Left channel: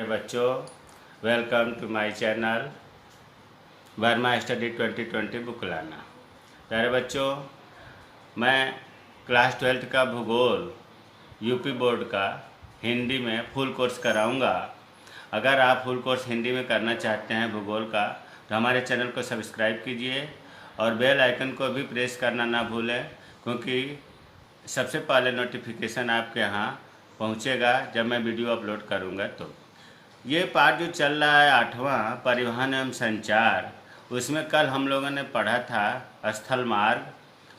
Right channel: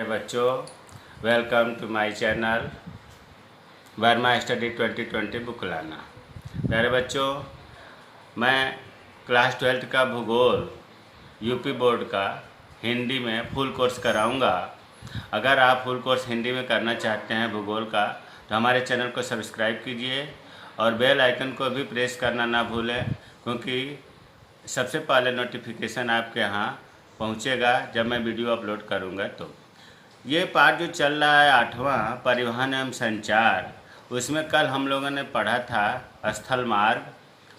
बच्चों, welcome to my channel Verma study 2020 book लाना। प्यारे बच्चों, मैं क्लास 12 का भूगोल यूपी बोर्ड का हिंदी में फुल कोर्स कराऊंगा। अगर आप फुल कोर्स हिंदी में करना चाहते हैं भूगोल का, तो हमारे चैनल को सब्सक्राइब कीजिए और बेल आइकन को भी प्रेस करना ना भूलें, क्योंकि सबसे पहले नोटिफिकेशन आपके यहाँ पहुँचेगा जब मैं वीडियो अपलोड करूँगा। तो ये पाठ जो चल रहा है 8वां परिवहन एवं संचार, उसमें कल हम लोगों ने पढ़ा था स्थल मार्ग,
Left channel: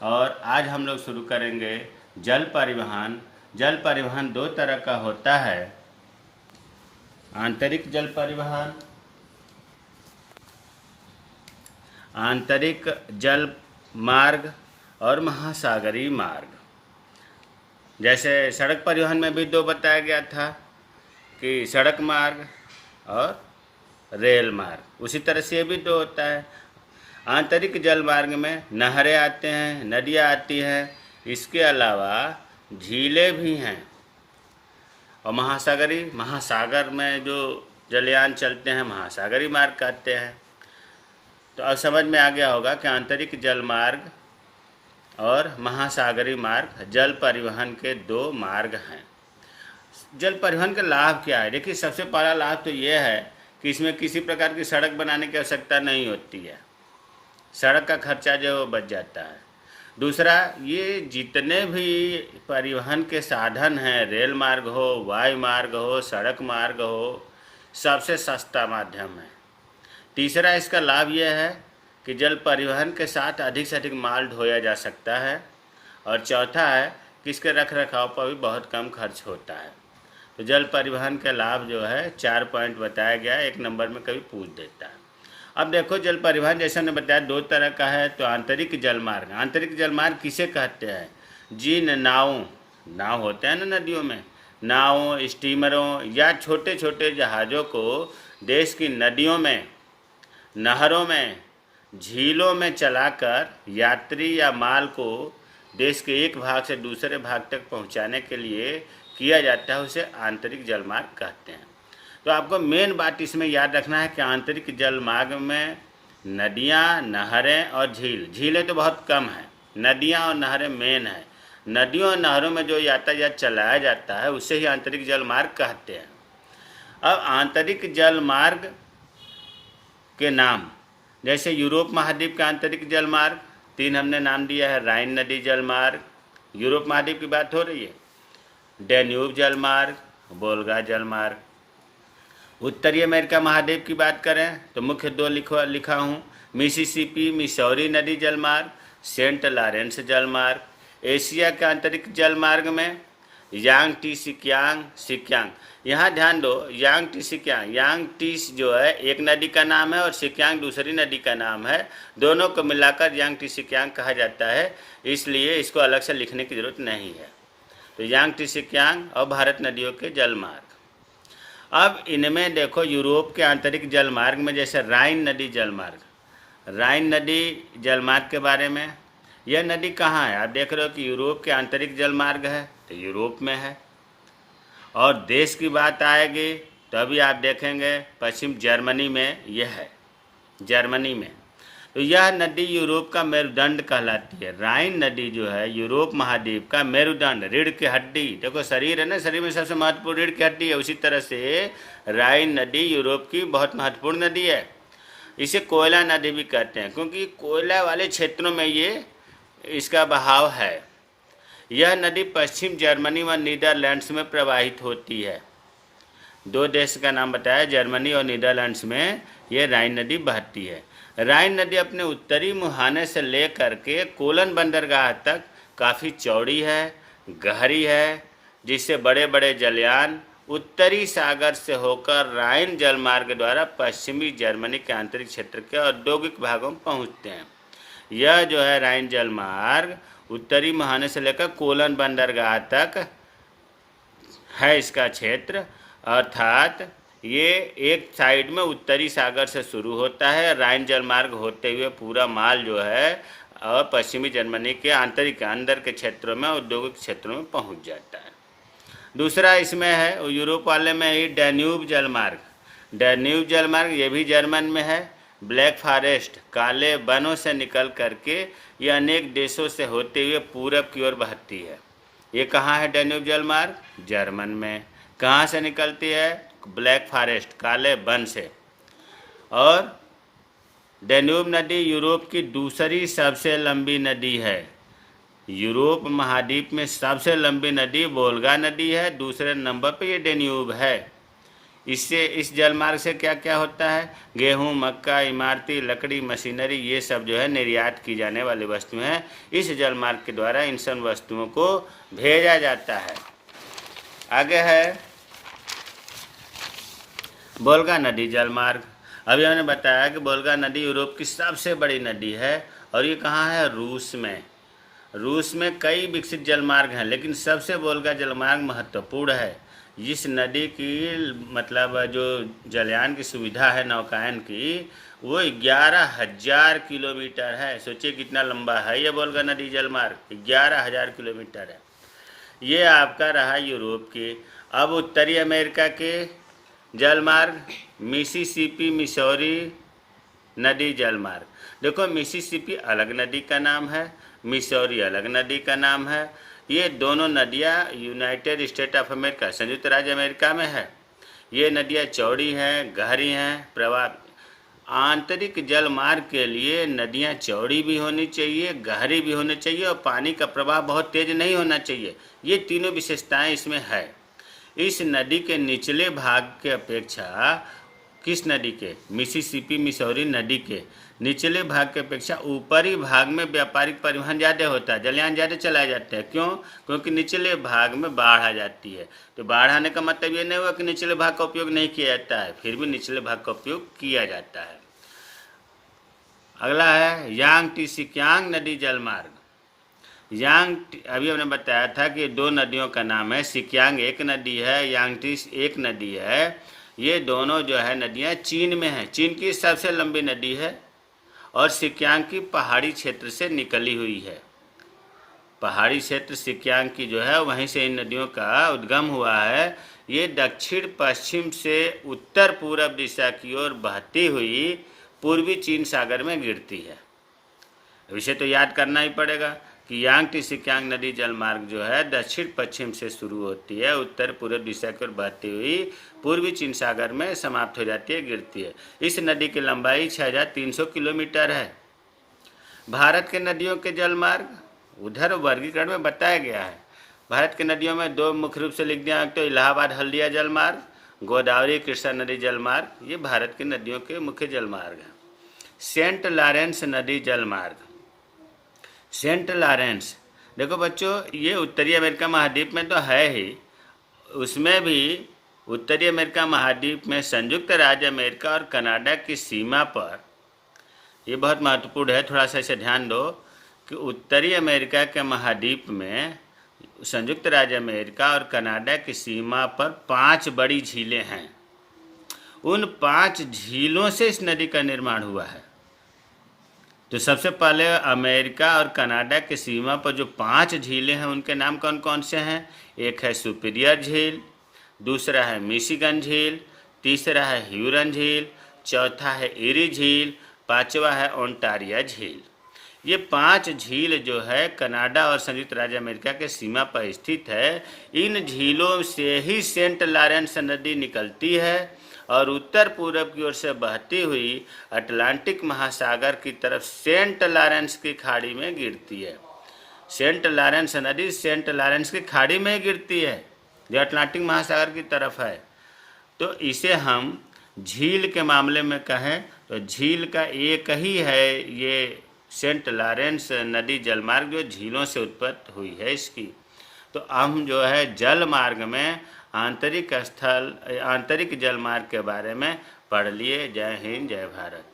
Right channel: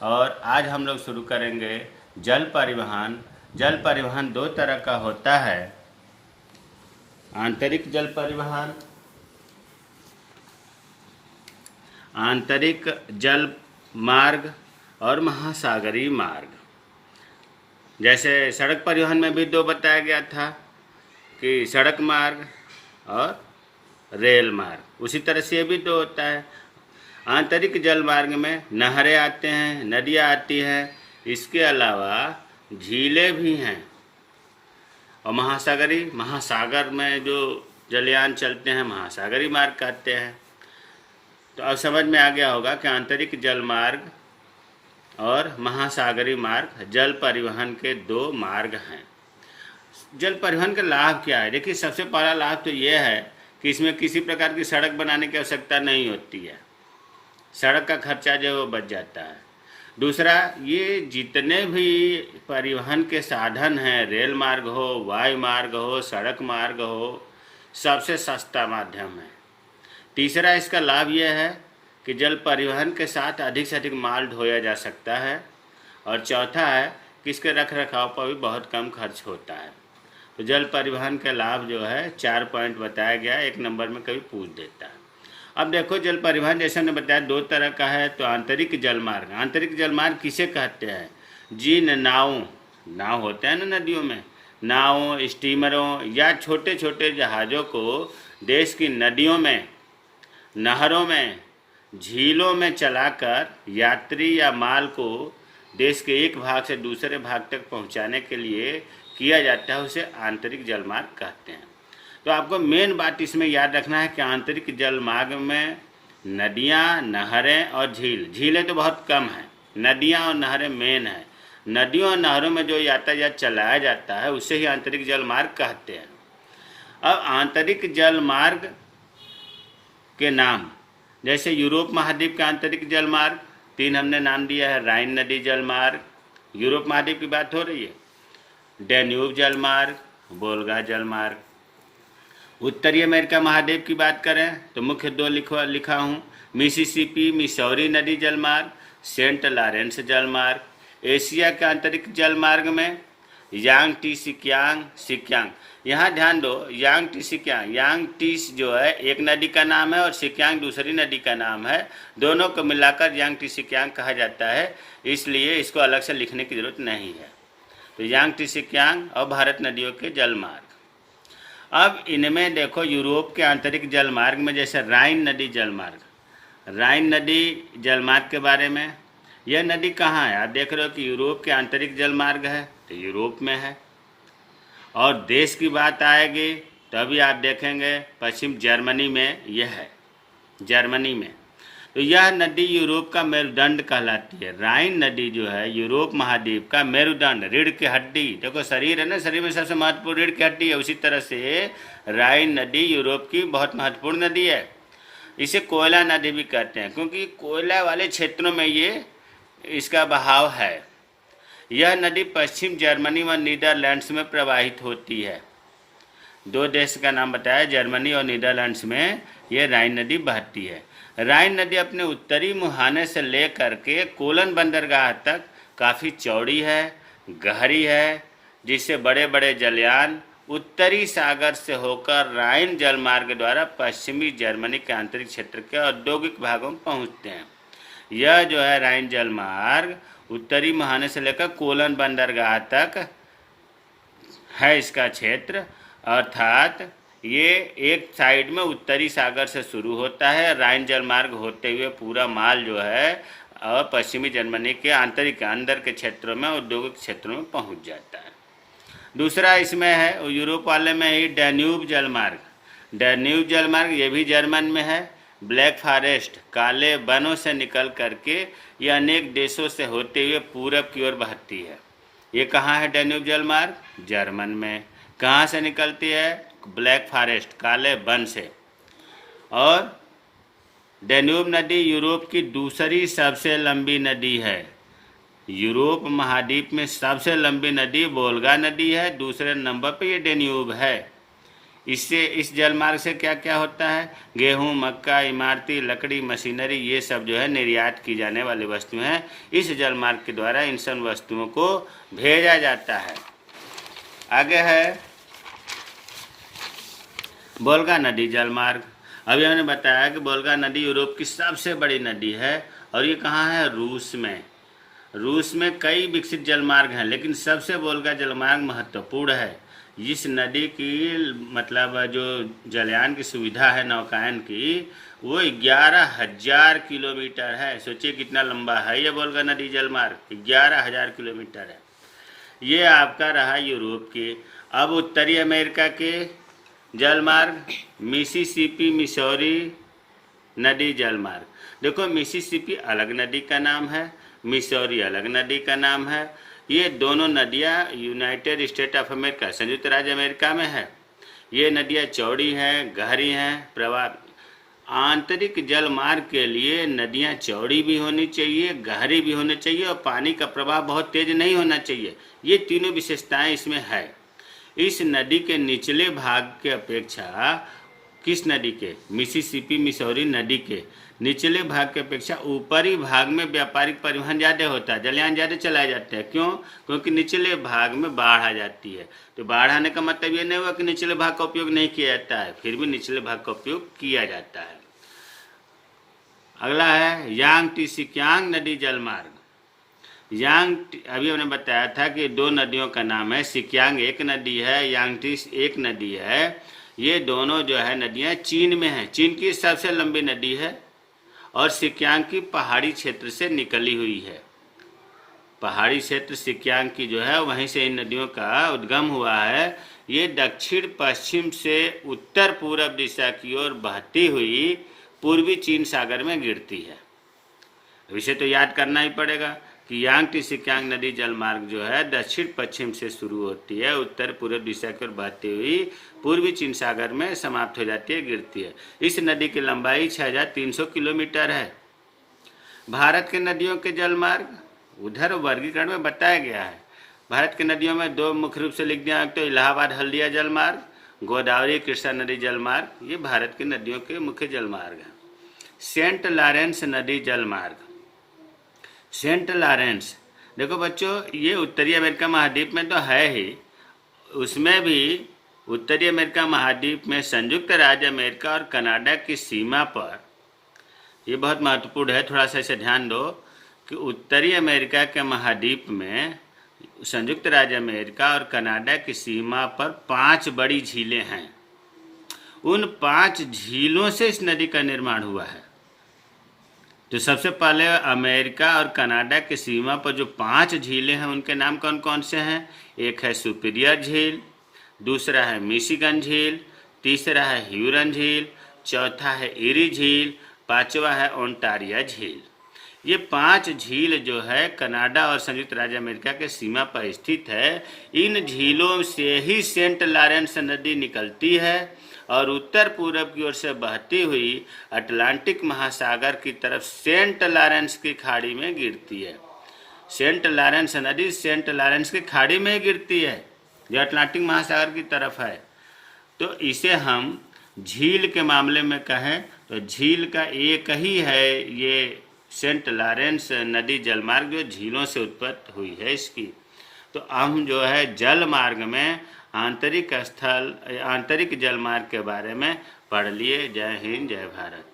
और आज हम लोग शुरू करेंगे जल परिवहन। जल परिवहन दो तरह का होता है, आंतरिक जल परिवहन, आंतरिक जल मार्ग और महासागरीय मार्ग। जैसे सड़क परिवहन में भी दो बताया गया था कि सड़क मार्ग और रेल मार्ग, उसी तरह से ये भी दो होता है। आंतरिक जल मार्ग में नहरें आते हैं, नदियाँ आती हैं, इसके अलावा झीलें भी हैं, और महासागर में जो जलयान चलते हैं महासागरीय मार्ग कहते हैं। तो अब समझ में आ गया होगा कि आंतरिक जल मार्ग और महासागरीय मार्ग जल परिवहन के दो मार्ग हैं। जल परिवहन का लाभ क्या है? देखिए, सबसे पहला लाभ तो यह है कि इसमें किसी प्रकार की सड़क बनाने की आवश्यकता नहीं होती है, सड़क का खर्चा जो है वो बच जाता है। दूसरा, ये जितने भी परिवहन के साधन हैं, रेल मार्ग हो, वायु मार्ग हो, सड़क मार्ग हो, सबसे सस्ता माध्यम है। तीसरा, इसका लाभ यह है कि जल परिवहन के साथ अधिक से अधिक माल ढोया जा सकता है। और चौथा है कि इसके रख रखाव पर भी बहुत कम खर्च होता है। तो जल परिवहन के लाभ जो है 4 पॉइंट बताया गया है, 1 नंबर में कभी पूछ देता है। अब देखो, जल परिवहन जैसे हमने बताया दो तरह का है। तो आंतरिक जल मार्ग, आंतरिक जल मार्ग किसे कहते हैं? जिन नाव होते हैं ना नदियों में, नावों, स्टीमरों या छोटे छोटे जहाज़ों को देश की नदियों में, नहरों में, झीलों में चलाकर यात्री या माल को देश के एक भाग से दूसरे भाग तक पहुंचाने के लिए किया जाता है, उसे आंतरिक जल मार्ग कहते हैं। तो आपको मेन बात इसमें याद रखना है कि आंतरिक जल मार्ग में नदियाँ, नहरें और झीलें तो बहुत कम हैं, नदियाँ और नहरें मेन हैं। नदियों और नहरों में जो यातायात चलाया जाता है उसे ही आंतरिक जल मार्ग कहते हैं। अब आंतरिक जल मार्ग के नाम, जैसे यूरोप महाद्वीप का आंतरिक जल मार्ग 3 हमने नाम दिया है। राइन नदी जल मार्ग, यूरोप महाद्वीप की बात हो रही है। डैन्यूब जल मार्ग, वोल्गा जल मार्ग। उत्तरी अमेरिका महाद्वीप की बात करें तो मुख्य दो लिखा हूँ, मिसिसिपी मिसौरी नदी जल मार्ग, सेंट लॉरेंस जल मार्ग। एशिया के आंतरिक जल मार्ग में यांगटी सिक्यांग। यहाँ ध्यान दो, यांगटी सिक्यांग, यांगटीस जो है एक नदी का नाम है और सिक्यांग दूसरी नदी का नाम है, दोनों को मिलाकर यांगटी सिक्यांग कहा जाता है, इसलिए इसको अलग से लिखने की जरूरत नहीं है। तो यांगटी सिक्यांग और भारत नदियों के जल मार्ग। अब इनमें देखो, यूरोप के आंतरिक जल मार्ग में जैसे राइन नदी जल मार्ग, राइन नदी जल मार्ग के बारे में, यह नदी कहाँ है? आप देख रहे हो कि यूरोप के आंतरिक जल मार्ग है, तो यूरोप में है। और देश की बात आएगी तो अभी आप देखेंगे पश्चिम जर्मनी में यह है, जर्मनी में। तो यह नदी यूरोप का मेरुदंड कहलाती है। राइन नदी जो है यूरोप महाद्वीप का मेरुदंड, रीढ़ की हड्डी। देखो, शरीर है ना, शरीर में सबसे महत्वपूर्ण रीढ़ की हड्डी है, उसी तरह से राइन नदी यूरोप की बहुत महत्वपूर्ण नदी है। इसे कोयला नदी भी कहते हैं, क्योंकि कोयला वाले क्षेत्रों में ये इसका बहाव है। यह नदी पश्चिम जर्मनी व नीदरलैंड्स में प्रवाहित होती है। दो देश का नाम बताया, जर्मनी और नीदरलैंड्स में यह राइन नदी बहती है। राइन नदी अपने उत्तरी मुहाने से लेकर के कोलन बंदरगाह तक काफ़ी चौड़ी है, गहरी है, जिससे बड़े बड़े जलयान उत्तरी सागर से होकर राइन जलमार्ग द्वारा पश्चिमी जर्मनी के आंतरिक क्षेत्र के औद्योगिक भागों में पहुंचते हैं। यह जो है राइन जलमार्ग उत्तरी मुहाने से लेकर कोलन बंदरगाह तक है इसका क्षेत्र, अर्थात ये एक साइड में उत्तरी सागर से शुरू होता है, राइन जलमार्ग होते हुए पूरा माल जो है और पश्चिमी जर्मनी के आंतरिक अंदर के क्षेत्रों में औद्योगिक क्षेत्रों में पहुंच जाता है। दूसरा इसमें है यूरोप वाले में ही डैन्यूब जलमार्ग। डैन्यूब जलमार्ग ये भी जर्मन में है। ब्लैक फॉरेस्ट काले वनों से निकल करके ये अनेक देशों से होते हुए पूरब की ओर बहती है। ये कहाँ है डैन्यूब जलमार्ग? जर्मन में। कहाँ से निकलती है? ब्लैक फॉरेस्ट काले वन से। और डैन्यूब नदी यूरोप की दूसरी सबसे लंबी नदी है। यूरोप महाद्वीप में सबसे लंबी नदी वोल्गा नदी है, दूसरे नंबर पर ये डैन्यूब है। इससे इस जलमार्ग से क्या क्या होता है? गेहूं, मक्का, इमारती लकड़ी, मशीनरी, ये सब जो है निर्यात की जाने वाली वस्तुएं हैं। इस जलमार्ग के द्वारा इन सब वस्तुओं को भेजा जाता है। आगे है वोल्गा नदी जलमार्ग। अभी हमने बताया कि वोल्गा नदी यूरोप की सबसे बड़ी नदी है और ये कहाँ है? रूस में। रूस में कई विकसित जलमार्ग हैं, लेकिन सबसे वोल्गा जलमार्ग महत्वपूर्ण है। इस नदी की मतलब जो जलयान की सुविधा है नौकायन की, वो 11,000 किलोमीटर है। सोचिए कितना लंबा है ये वोल्गा नदी जलमार्ग, 11,000 किलोमीटर है। ये आपका रहा यूरोप के। अब उत्तरी अमेरिका के जलमार्ग, मिसिसिपी मिसौरी नदी जलमार्ग। देखो मिसिसिपी अलग नदी का नाम है, मिसौरी अलग नदी का नाम है। ये दोनों नदियाँ यूनाइटेड स्टेट ऑफ अमेरिका संयुक्त राज्य अमेरिका में है। ये नदियाँ चौड़ी हैं, गहरी हैं, प्रवाह। आंतरिक जल मार्ग के लिए नदियाँ चौड़ी भी होनी चाहिए, गहरी भी होनी चाहिए और पानी का प्रवाह बहुत तेज नहीं होना चाहिए। ये तीनों विशेषताएं इसमें है। इस नदी के निचले भाग के अपेक्षा, किस नदी के? मिसिसिपी मिसौरी नदी के निचले भाग की अपेक्षा ऊपरी भाग में व्यापारिक परिवहन ज़्यादा होता है, जलयान ज़्यादा चलाए जाते हैं। क्यों? क्योंकि निचले भाग में बाढ़ आ जाती है। तो बाढ़ आने का मतलब ये नहीं हुआ कि निचले भाग का उपयोग नहीं किया जाता है, फिर भी निचले भाग का उपयोग किया जाता है। अगला है यांगटीसिकियांग नदी जलमार्ग। अभी हमने बताया था कि दो नदियों का नाम है। सिकियांग एक नदी है, यांगटीस एक नदी है। ये दोनों जो है नदियाँ चीन में हैं। चीन की सबसे लंबी नदी है और सिकियांग की पहाड़ी क्षेत्र से निकली हुई है। पहाड़ी क्षेत्र सिकियांग की जो है वहीं से इन नदियों का उद्गम हुआ है। ये दक्षिण पश्चिम से उत्तर पूर्व दिशा की ओर बहती हुई पूर्वी चीन सागर में गिरती है। इसे तो याद करना ही पड़ेगा कि यांगटीसिकियांग नदी जलमार्ग जो है दक्षिण पश्चिम से शुरू होती है, उत्तर पूर्व दिशा की ओर बहती हुई पूर्वी चीन सागर में समाप्त हो जाती है, गिरती है। इस नदी की लंबाई 6,300 किलोमीटर है। भारत के नदियों के जलमार्ग उधर वर्गीकरण में बताया गया है। भारत की नदियों में दो मुख्य रूप से लिख दिया, तो इलाहाबाद हल्दिया जलमार्ग, गोदावरी कृष्णा नदी जलमार्ग। ये भारत की नदियों के मुख्य जलमार्ग हैं। सेंट लॉरेंस नदी जलमार्ग। सेंट लॉरेंस, देखो बच्चों, ये उत्तरी अमेरिका महाद्वीप में तो है ही, उसमें भी उत्तरी अमेरिका महाद्वीप में संयुक्त राज्य अमेरिका और कनाडा की सीमा पर, ये बहुत महत्वपूर्ण है, थोड़ा सा इसे ध्यान दो कि उत्तरी अमेरिका के महाद्वीप में संयुक्त राज्य अमेरिका और कनाडा की सीमा पर 5 बड़ी झीलें हैं। उन 5 झीलों से इस नदी का निर्माण हुआ है। तो सबसे पहले अमेरिका और कनाडा की सीमा पर जो 5 झीलें हैं उनके नाम कौन कौन से हैं? एक है सुपीरियर झील, दूसरा है मिशिगन झील, तीसरा है ह्यूरन झील, चौथा है इरी झील, पांचवा है ओंटारिया झील। ये 5 झील जो है कनाडा और संयुक्त राज्य अमेरिका के सीमा पर स्थित है। इन झीलों से ही सेंट लॉरेंस नदी निकलती है और उत्तर पूर्व की ओर से बहती हुई अटलांटिक महासागर की तरफ सेंट लॉरेंस की खाड़ी में गिरती है। सेंट लॉरेंस नदी सेंट लॉरेंस की खाड़ी में गिरती है, जो अटलांटिक महासागर की तरफ है। तो इसे हम झील के मामले में कहें तो झील का एक ही है ये सेंट लॉरेंस नदी जलमार्ग, जो झीलों से उत्पत्ति हुई है इसकी। तो हम जो है जल मार्ग में आंतरिक जलमार्ग के बारे में पढ़ लिए। जय हिंद, जय भारत।